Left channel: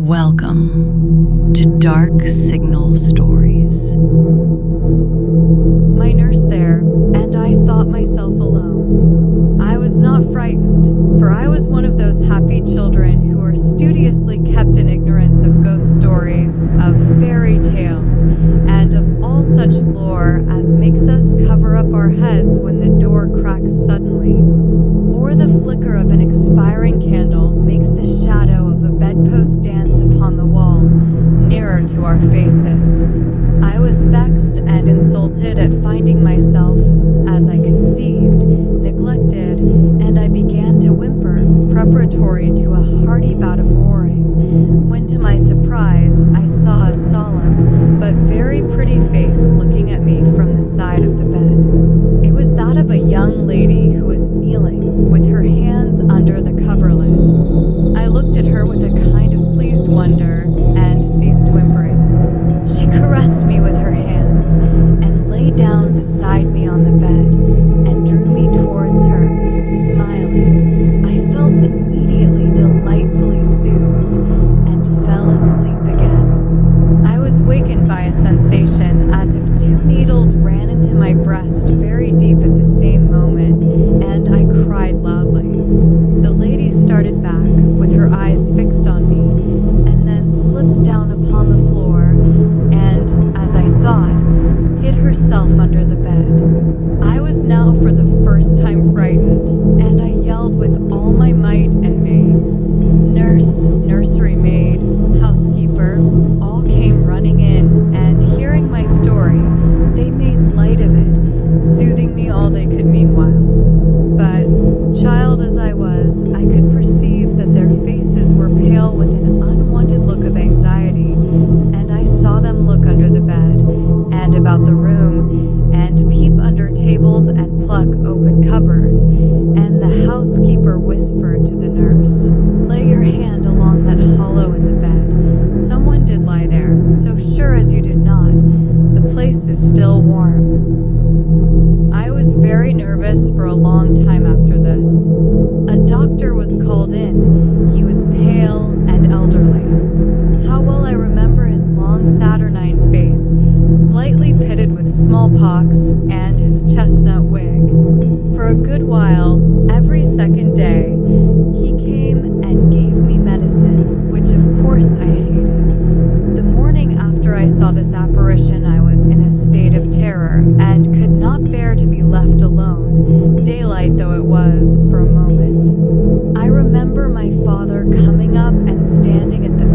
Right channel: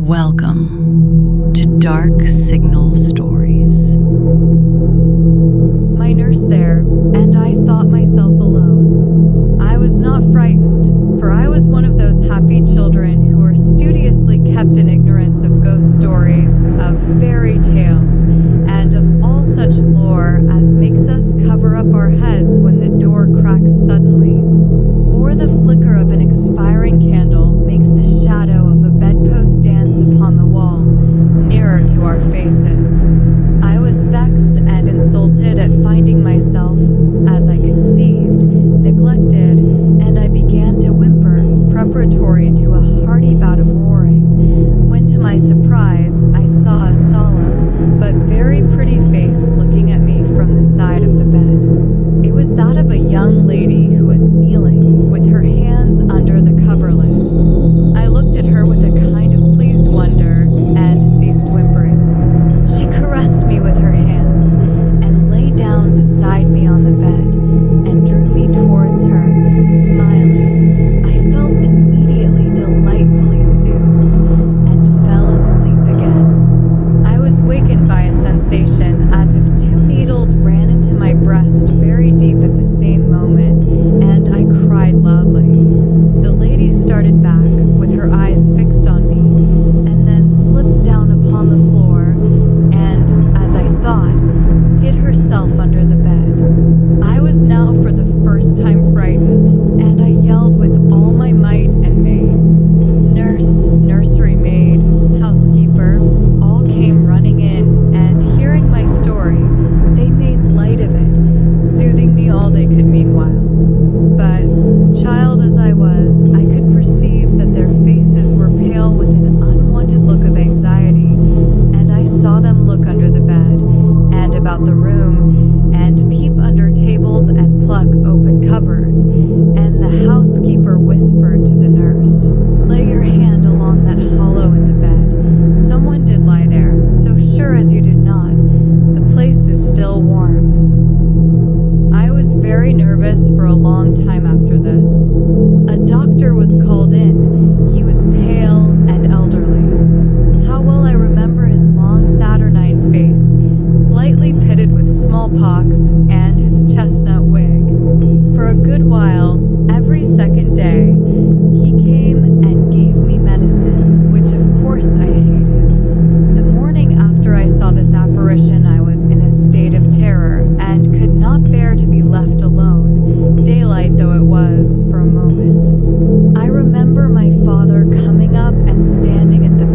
Welcome to Dark Signal Stories. My nurse there, and I thought myself alone. I was not frightened, for I was one of those happy children who are studiously kept in ignorance of ghost stories, of fairy tales, and of all such lore as makes us cover up our heads when the door cracks suddenly, or the flicker of an expiring candle makes the shadow of a bedpost dance upon the wall, nearer to our faces. I was vexed and insulted at finding myself, as I conceived, neglected, and I began to whimper, preparatory to a hearty bout of roaring, when to my surprise I saw a solemn, but very pretty face looking at me from the side of the bed. It was that of a young lady who was kneeling, with her hands under the coverlet. I looked at her with a kind of pleased wonder, and ceased whimpering. She caressed me with her hands, and lay down beside me on the bed, and drew me towards her, smiling. I felt immediately delightfully soothed, and fell asleep again. I was wakened by a sensation as if two needles ran into my breast very deep at the same moment, and I cried loudly. The lady started back, with her eyes fixed on me, and then slipped down upon the floor, and, as I thought, hid herself under the bed. I was now for the first time frightened, and I yelled with all my might and main. Nurse, nursery maid, housekeeper, all came running in, and hearing my story, they made light of it, soothing me all they could meanwhile. But, child as I was, I could perceive that their faces were pale with an unwonted look of anxiety, and I saw them look under the bed, and about the room, and peep under tables and pluck open cupboards, and the housekeeper whispered to the nurse, "Lay your hand along that hollow in the bed. Someone did lie there, so sure as you did not. The place is still warm." I was very nervous for a long time after this. A doctor was called in. He was pale and elderly. How well I remember his long saturnine face, slightly pitted with smallpox, and his chestnut wig. For a good while, every second day, he came and gave me medicine, which of course I hated. The morning after I saw this apparition, I was in a state of terror, and could not bear to be left alone, daylight though it was, for a moment. I remember my father coming up and standing at the